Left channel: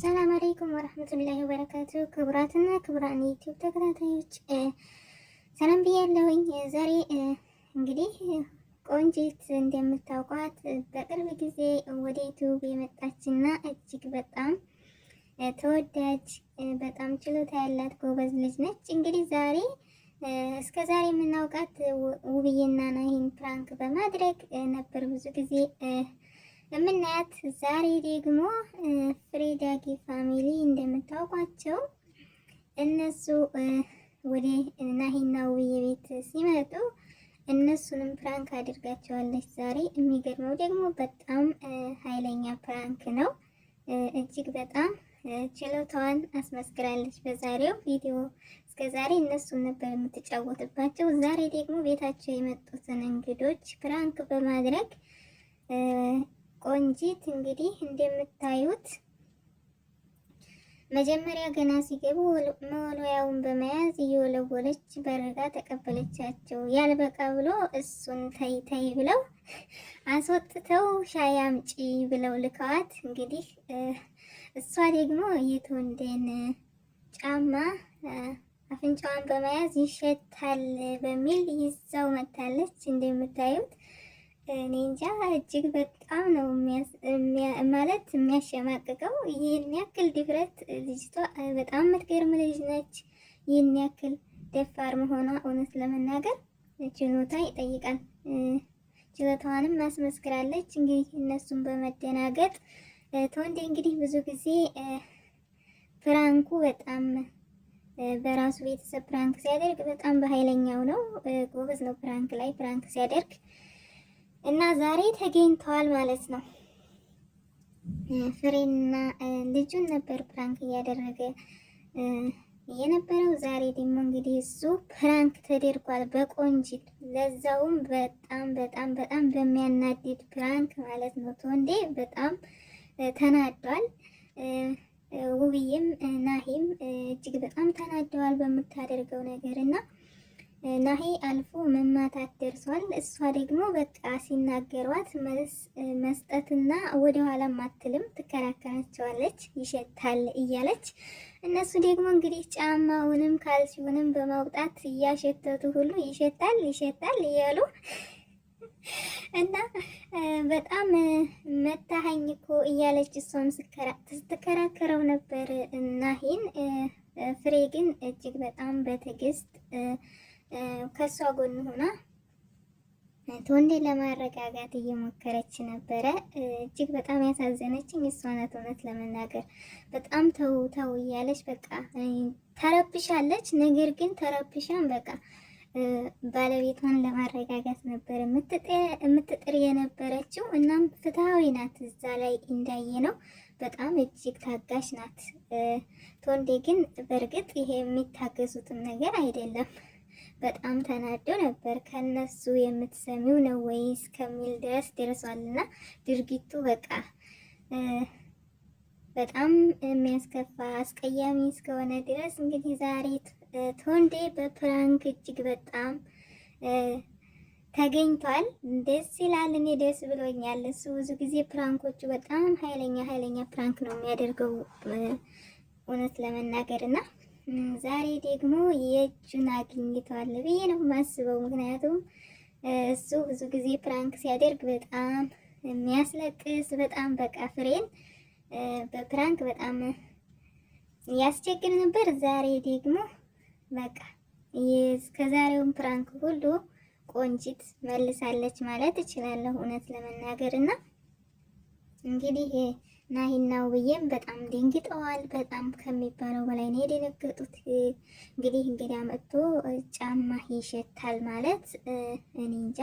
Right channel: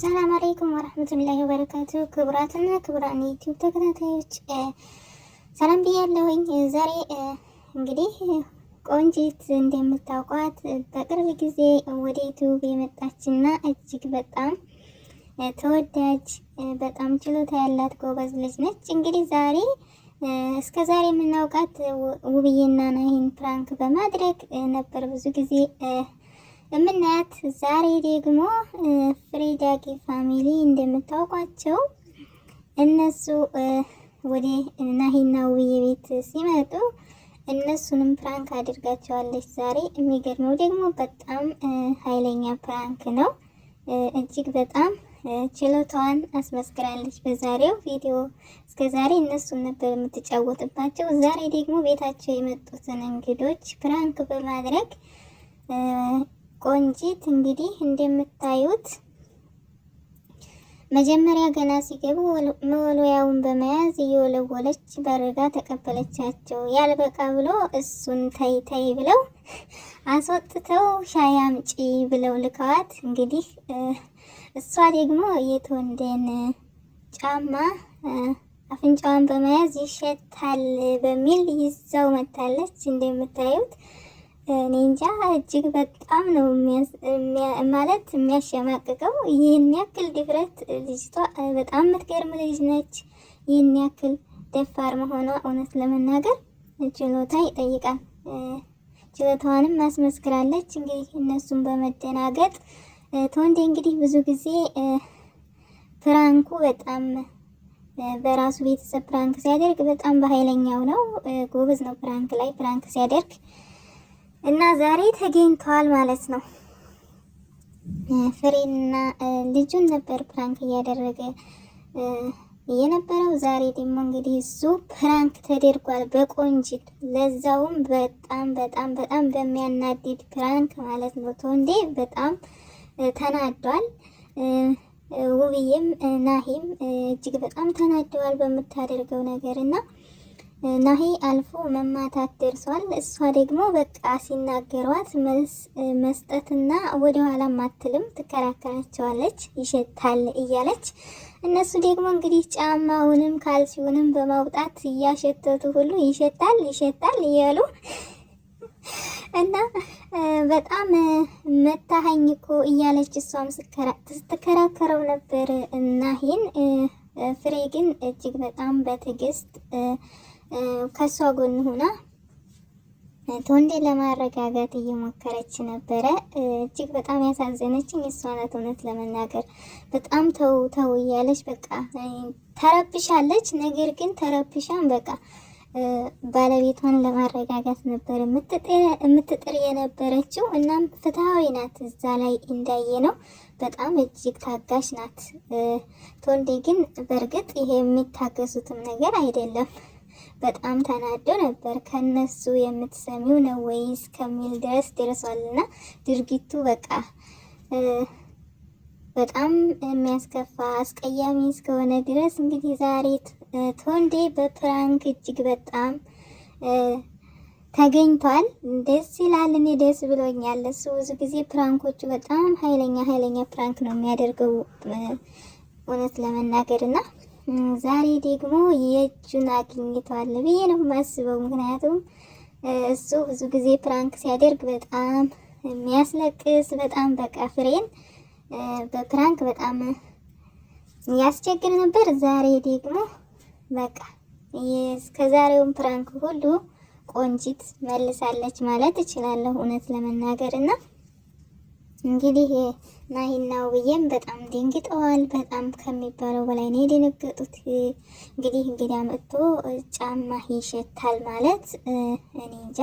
ሰላም አለይኩም ወራህመቱላሂ ወበረካቱ። ክቡራትና ክቡራን ዩቲዩብ ተከታታዮች ሰላም ብያለሁኝ። ዛሬ እንግዲህ ቆንጂት እንደምታውቋት በቅርብ ጊዜ ወደ ዩቲዩብ የመጣችና እጅግ በጣም ተወዳጅ በጣም ችሎታ ያላት ጎበዝ ልጅ ነች። እንግዲህ ዛሬ እስከ ዛሬ የምናውቃት ውብዬና ናሂን ፕራንክ በማድረግ ነበር ብዙ ጊዜ የምናያት። ዛሬ ደግሞ ፍሬዳጊ ፋሚሊ እንደምታውቋቸው እነሱ ወደ ናሂና ውብዬ ቤት ሲመጡ እነሱንም ፕራንክ አድርጋቸዋለች ዛሬ። የሚገርመው ደግሞ በጣም ኃይለኛ ፕራንክ ነው። እጅግ በጣም ችሎታዋን አስመስክራለች በዛሬው ቪዲዮ። እስከ ዛሬ እነሱን ነበር የምትጫወትባቸው። ዛሬ ደግሞ ቤታቸው የመጡትን እንግዶች ፕራንክ በማድረግ ቆንጂት እንግዲህ እንደምታዩት መጀመሪያ ገና ሲገቡ መወልወያውን በመያዝ እየወለወለች በርጋ ተቀበለቻቸው። ያልበቃ ብሎ እሱን ተይ ተይ ብለው አስወጥተው ሻይ አምጪ ብለው ልከዋት እንግዲህ እሷ ደግሞ የትወንደን ጫማ አፍንጫዋን በመያዝ ይሸታል በሚል ይዛው መታለች። እንደምታዩት እኔ እንጃ እጅግ በጣም ነው ማለት የሚያሸማቅቀው። ይህን ያክል ድፍረት ልጅቷ በጣም የምትገርም ልጅ ነች። ይህን ያክል ደፋር መሆኗ እውነት ለመናገር ችሎታ ይጠይቃል። ችሎታዋንም ማስመስክራለች። እንግዲህ እነሱን በመደናገጥ ተወንዴ እንግዲህ ብዙ ጊዜ ፕራንኩ በጣም በራሱ ቤተሰብ ፕራንክ ሲያደርግ በጣም በኃይለኛው ነው። ጎበዝ ነው ፕራንክ ላይ ፕራንክ ሲያደርግ እና ዛሬ ተገኝተዋል ማለት ነው። ፍሬና ልጁን ነበር ፕራንክ እያደረገ የነበረው። ዛሬ ደግሞ እንግዲህ እሱ ፕራንክ ተደርጓል በቆንጂት፣ ለዛውም በጣም በጣም በጣም በሚያናድድ ፕራንክ ማለት ነው። ተወንዴ በጣም ተናዷል። ውብዬም ናሂም እጅግ በጣም ተናደዋል በምታደርገው ነገር እና ናሂ አልፎ መማታት ደርሷል። እሷ ደግሞ በቃ ሲናገሯት መልስ መስጠትና ወደኋላ ማትልም ትከራከራቸዋለች፣ ይሸታል እያለች። እነሱ ደግሞ እንግዲህ ጫማውንም ካልሲውንም በማውጣት እያሸተቱ ሁሉ ይሸታል ይሸታል እያሉ እና በጣም መታኸኝ እኮ እያለች እሷም ስትከራከረው ነበር ናሂን። ፍሬ ግን እጅግ በጣም በትዕግስት ከሷ ጎን ሆና ተወንዴ ለማረጋጋት እየሞከረች ነበረ። እጅግ በጣም ያሳዘነችኝ እሷ ናት። እውነት ለመናገር በጣም ተው ተው እያለች በቃ ተረብሻለች። ነገር ግን ተረብሻን በቃ ባለቤቷን ለማረጋጋት ነበር የምትጥር የነበረችው። እናም ፍትሃዊ ናት። እዛ ላይ እንዳየ ነው በጣም እጅግ ታጋሽ ናት። ተወንዴ ግን በእርግጥ ይሄ የሚታገሱትም ነገር አይደለም። በጣም ተናዶ ነበር። ከነሱ የምትሰሚው ነው ወይስ ከሚል ድረስ ደርሷልና ድርጊቱ በቃ በጣም የሚያስከፋ አስቀያሚ እስከሆነ ድረስ እንግዲህ ዛሬ ተወንዴ በፕራንክ እጅግ በጣም ተገኝቷል። ደስ ይላል። እኔ ደስ ብሎኛል። እሱ ብዙ ጊዜ ፕራንኮቹ በጣም ኃይለኛ ፕራንክ ነው የሚያደርገው እውነት ለመናገር እና ዛሬ ደግሞ የእጁን አግኝቷል ብዬ ነው የማስበው። ምክንያቱም እሱ ብዙ ጊዜ ፕራንክ ሲያደርግ በጣም የሚያስለቅስ በጣም በቃ ፍሬን በፕራንክ በጣም ያስቸግር ነበር። ዛሬ ደግሞ በቃ እስከዛሬውን ፕራንክ ሁሉ ቆንጂት መልሳለች ማለት እችላለሁ እውነት ለመናገር እና እንግዲህ ናሂና ውብዬም በጣም ደንግጠዋል። በጣም ከሚባለው በላይ ነው የደነገጡት። እንግዲህ እንግዳ መጥቶ ጫማ ይሸታል ማለት እኔ እንጃ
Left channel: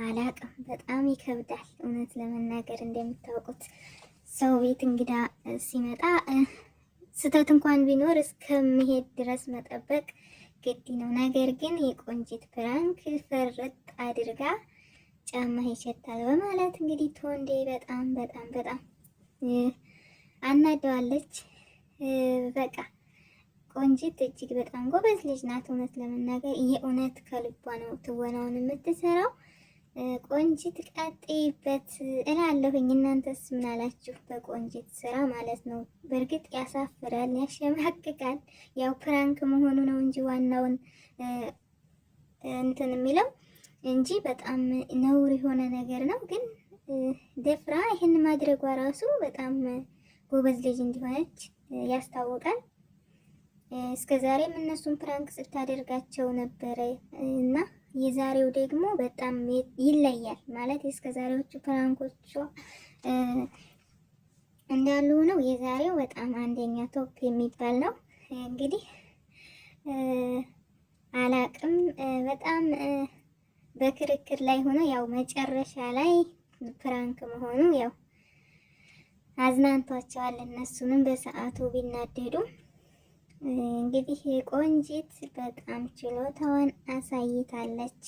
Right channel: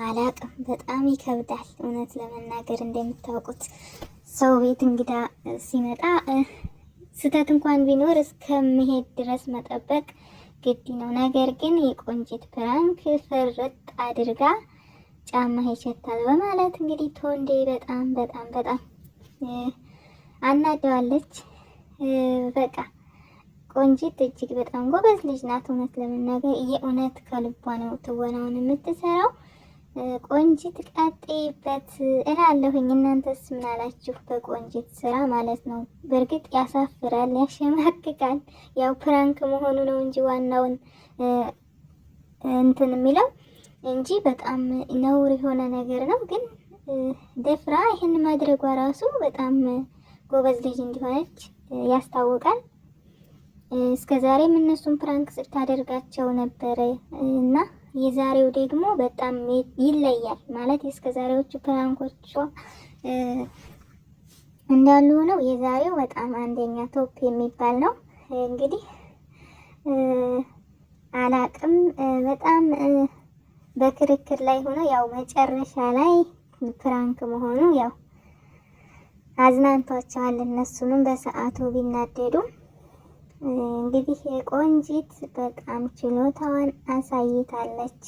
አላቅም። በጣም ይከብዳል እውነት ለመናገር። እንደምታውቁት ሰው ቤት እንግዳ ሲመጣ ስህተት እንኳን ቢኖር እስከሚሄድ ድረስ መጠበቅ ግድ ነው። ነገር ግን የቆንጂት ፕራንክ ፍርጥ አድርጋ ጫማ ይሸታል በማለት እንግዲህ ተወንዴ በጣም በጣም በጣም አናደዋለች። በቃ ቆንጂት እጅግ በጣም ጎበዝ ልጅ ናት። እውነት ለመናገር የእውነት ከልቧ ነው ትወናውን የምትሰራው። ቆንጂት ቀጤበት እላለሁኝ። እናንተስ ምን አላችሁ? በቆንጂት ስራ ማለት ነው። በእርግጥ ያሳፍራል፣ ያሸማቅቃል። ያው ፕራንክ መሆኑ ነው እንጂ ዋናውን እንትን የሚለው እንጂ በጣም ነውር የሆነ ነገር ነው። ግን ደፍራ ይህን ማድረጓ ራሱ በጣም ጎበዝ ልጅ እንዲሆነች ያስታውቃል። እስከዛሬም እነሱን ፕራንክ ስታደርጋቸው ነበረ እና የዛሬው ደግሞ በጣም ይለያል ማለት እስከዛሬዎቹ ፕራንኮቿ እንዳሉ ሆነው የዛሬው በጣም አንደኛ ቶፕ የሚባል ነው። እንግዲህ አላቅም በጣም በክርክር ላይ ሆኖ ያው መጨረሻ ላይ ፕራንክ መሆኑ ያው አዝናንቷቸዋል። እነሱንም በሰዓቱ ቢናደዱ እንግዲህ ቆንጂት በጣም ችሎታዋን አሳይታለች።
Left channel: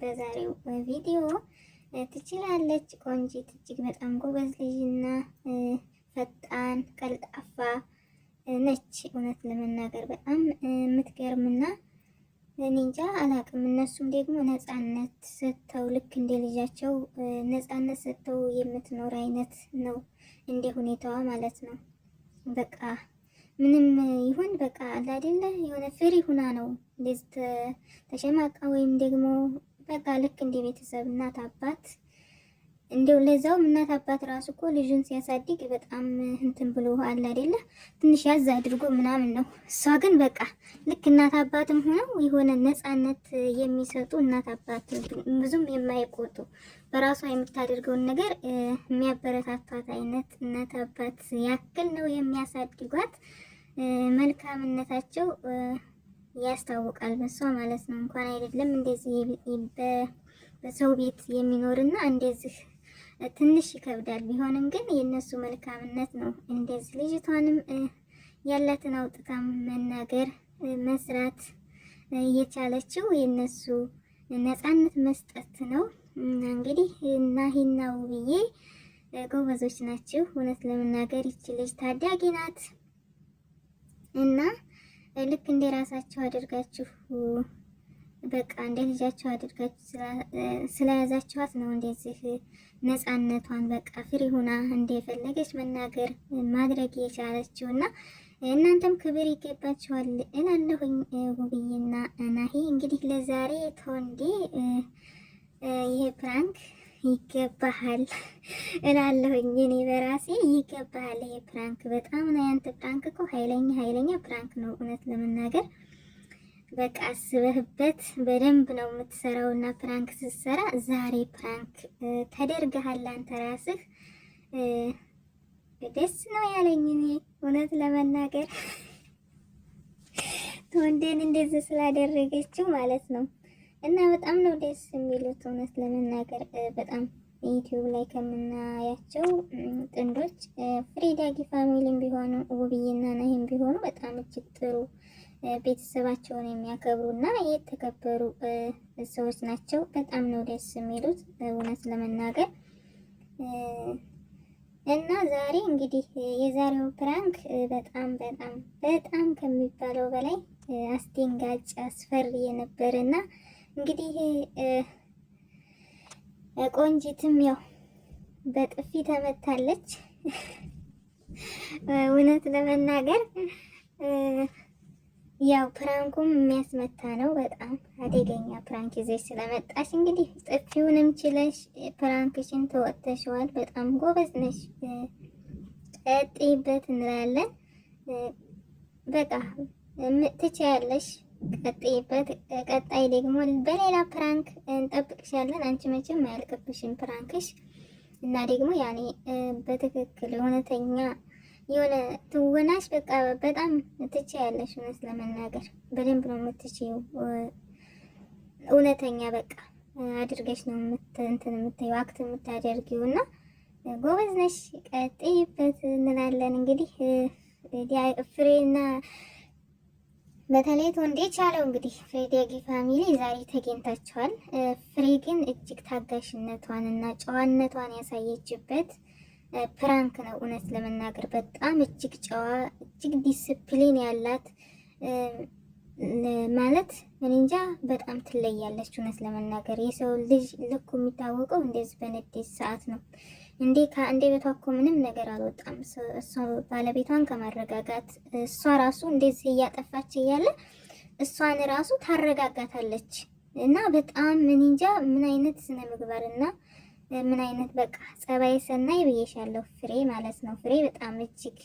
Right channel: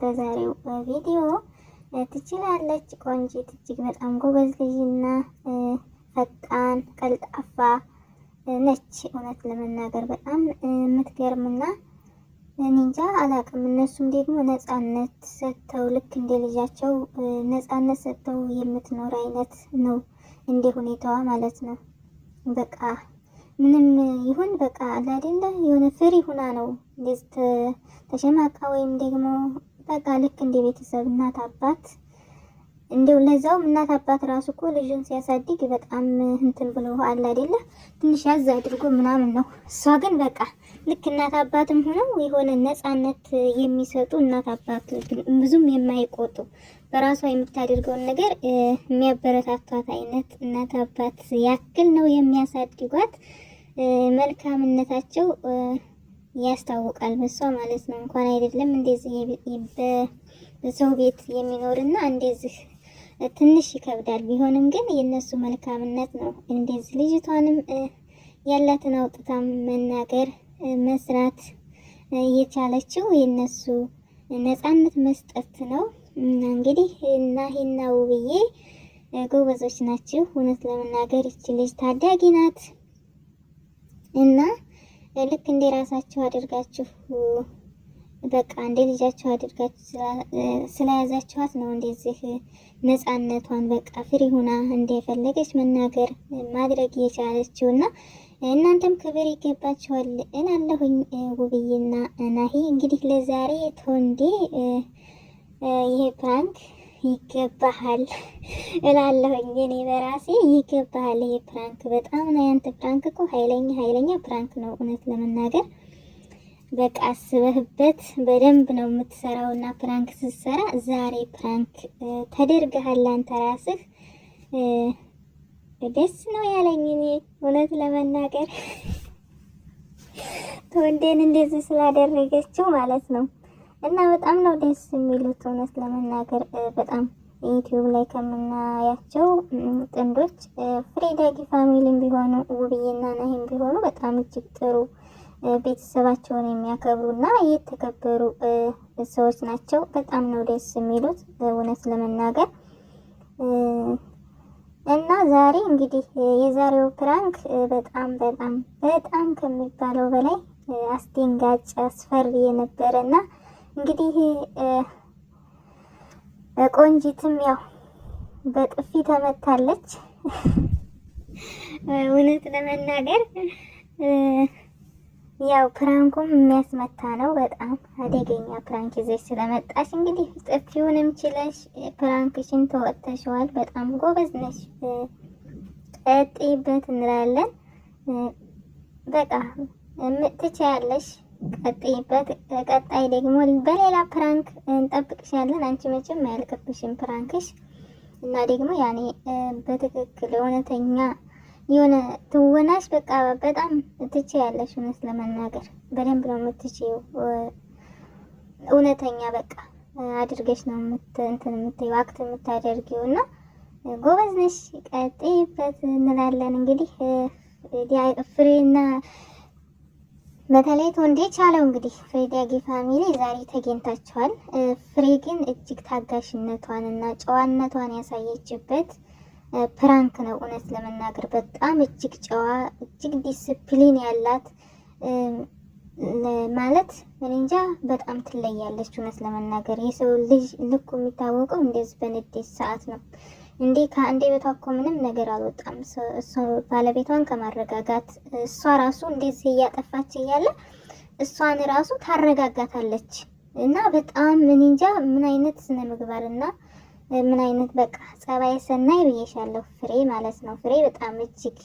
በዛሬው ቪዲዮ ትችላለች። ቆንጂት እጅግ በጣም ጎበዝ ልጅና ፈጣን ቀልጣፋ ነች። እውነት ለመናገር በጣም የምትገርምና እንጃ አላቅም። እነሱም ደግሞ ነጻነት ሰጥተው ልክ እንደ ልጃቸው ነጻነት ሰጥተው የምትኖር አይነት ነው እንደ ሁኔታዋ ማለት ነው። በቃ ምንም ይሁን በቃ አለ አይደለ የሆነ ፍሪ ሁና ነው እንደዚህ ተሸማቃ ወይም ደግሞ በቃ ልክ እንደ ቤተሰብ እናት አባት እንደው ለዛውም እናት አባት ራሱ እኮ ልጅን ሲያሳድግ በጣም እንትን ብሎ አለ አይደለ ትንሽ ያዝ አድርጎ ምናምን ነው። እሷ ግን በቃ ልክ እናት አባትም ሆነው የሆነ ነጻነት የሚሰጡ እናት አባት ብዙም የማይቆጡ በራሷ የምታደርገውን ነገር የሚያበረታቷት አይነት እናት አባት ያክል ነው የሚያሳድጓት። መልካምነታቸው ያስታውቃል በሷ ማለት ነው። እንኳን አይደለም እንደዚህ በሰው ቤት የሚኖርና እንደዚህ ትንሽ ይከብዳል። ቢሆንም ግን የነሱ መልካምነት ነው እንደዚህ ልጅቷንም ያላትን አውጥታ መናገር መስራት የቻለችው የነሱ ነጻነት መስጠት ነው። እንግዲህ ናሂና ውብዬ ጎበዞች ናችሁ። እውነት ለመናገር ይቺ ልጅ ታዳጊ ናት እና ልክ እንደ ራሳችሁ አድርጋችሁ በቃ እንደ ልጃችሁ አድርጋችሁ ስለያዛችኋት ነው እንደዚህ ነጻነቷን በቃ ፍሪ ሁና እንደፈለገች መናገር ማድረግ የቻለችው እና እናንተም ክብር ይገባችኋል እላለሁኝ። ውብዬና ናሂ እንግዲህ ለዛሬ ቶንዴ ይሄ ፕራንክ ይገባሃል እላለሁኝ። እኔ በራሴ ይገባሃል ይሄ ፕራንክ በጣም ነው። ያንተ ፕራንክ እኮ ኃይለኛ ፕራንክ ነው እውነት ለመናገር በቃ አስበህበት በደንብ ነው የምትሰራው እና ፕራንክ ስትሰራ ዛሬ ፕራንክ ተደርገሃል አንተ ራስህ። ደስ ነው ያለኝ እኔ እውነት ለመናገር ቶንዴን እንደዚህ ስላደረገችው ማለት ነው። እና በጣም ነው ደስ የሚሉት እውነት ለመናገር በጣም ዩቲዩብ ላይ ከምናያቸው ጥንዶች ፍሬዳጊ ፋሚሊም ቢሆኑ ውብዬና ናሂም ቢሆኑ በጣም እጅግ ጥሩ ቤተሰባቸውን የሚያከብሩና የተከበሩ ሰዎች ናቸው። በጣም ነው ደስ የሚሉት እውነት ለመናገር እና ዛሬ እንግዲህ የዛሬው ፕራንክ በጣም ከሚባለው በላይ አስደንጋጭ አስፈሪ የነበረና እንግዲህ ቆንጂትም ያው በጥፊ ተመታለች። እውነት ለመናገር ያው ፕራንኩም የሚያስመታ ነው። በጣም አደገኛ ፕራንክ ይዘሽ ስለመጣሽ እንግዲህ ጥፊውንም ችለሽ ፕራንክሽን ተወጥተሽዋል። በጣም ጎበዝ ነሽ፣ ቀጥይበት እንላለን። በቃ ትችያለሽ፣ ቀጥይበት። ቀጣይ ደግሞ በሌላ ፕራንክ እንጠብቅሻለን። አንቺ መቼም አያልቅብሽም ፕራንክሽ እና ደግሞ ያኔ በትክክል እውነተኛ የሆነ ትወናሽ በቃ በጣም ትችያለሽ። እውነት ለመናገር በደንብ ነው የምትችይው። እውነተኛ በቃ አድርገሽ ነው እንትን የምትይው አክት የምታደርጊው እና ጎበዝ ነሽ፣ ቀጥይበት እንላለን። እንግዲህ ፍሬና በተለይ ቶንዴ ቻለው እንግዲህ ፍሬዳጊ ፋሚሊ ዛሬ ተገኝታችኋል። ፍሬ ግን እጅግ ታጋሽነቷን እና ጨዋነቷን ያሳየችበት ፕራንክ ነው። እውነት ለመናገር በጣም እጅግ ጨዋ እጅግ ዲስፕሊን ያላት ማለት እኔ እንጃ በጣም ትለያለች። እውነት ለመናገር የሰው ልጅ ልኩ የሚታወቀው እንደዚህ በንዴት ሰዓት ነው። ከአንዴ ቤቷ እኮ ምንም ነገር አልወጣም። እሷ ባለቤቷን ከማረጋጋት እሷ ራሱ እንደዚህ እያጠፋች እያለ እሷን ራሱ ታረጋጋታለች። እና በጣም እኔ እንጃ ምን አይነት ስነ ምግባርና ምን አይነት በቃ ጸባይ ሰናይ ብዬሻለሁ። ፍሬ ማለት ነው። ፍሬ በጣም እጅግ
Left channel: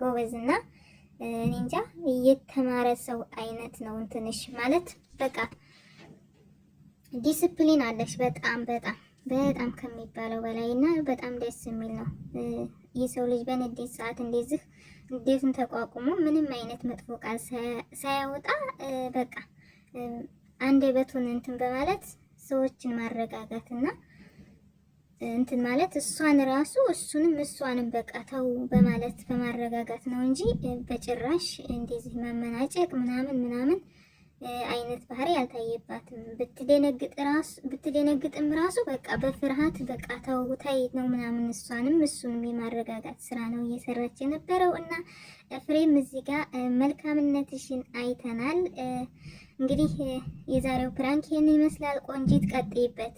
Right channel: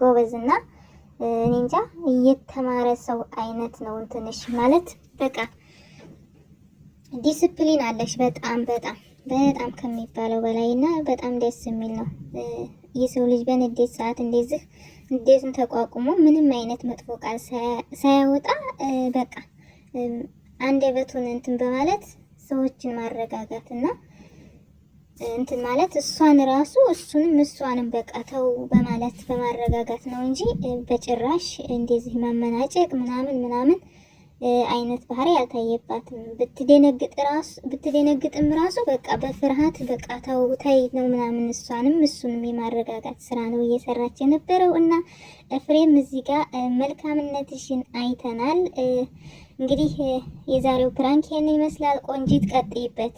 ጎበዝና እኔ እንጃ እየተማረ ሰው አይነት ነው። እንትንሽ ማለት በቃ ዲስፕሊን አለሽ በጣም በጣም በጣም ከሚባለው በላይ እና በጣም ደስ የሚል ነው። የሰው ልጅ በንዴት ሰዓት እንደዚህ ንዴቱን ተቋቁሞ ምንም አይነት መጥፎ ቃል ሳያወጣ በቃ አንደበቱን እንትን በማለት ሰዎችን ማረጋጋት እና እንትን ማለት እሷን ራሱ እሱንም እሷንም በቃ ተው በማለት በማረጋጋት ነው እንጂ በጭራሽ እንደዚህ ማመናጨቅ ምናምን አይነት ባህሪ ያልታየባትም። ብትደነግጥም ራሱ በቃ በፍርሃት በቃ ተው ተይ ነው ምናምን እሷንም እሱንም የማረጋጋት ስራ ነው እየሰራች የነበረው እና ፍሬም እዚህ ጋር መልካምነትሽን አይተናል። እንግዲህ የዛሬው ፕራንክ ይሄን ይመስላል። ቆንጂት ቀጥይበት።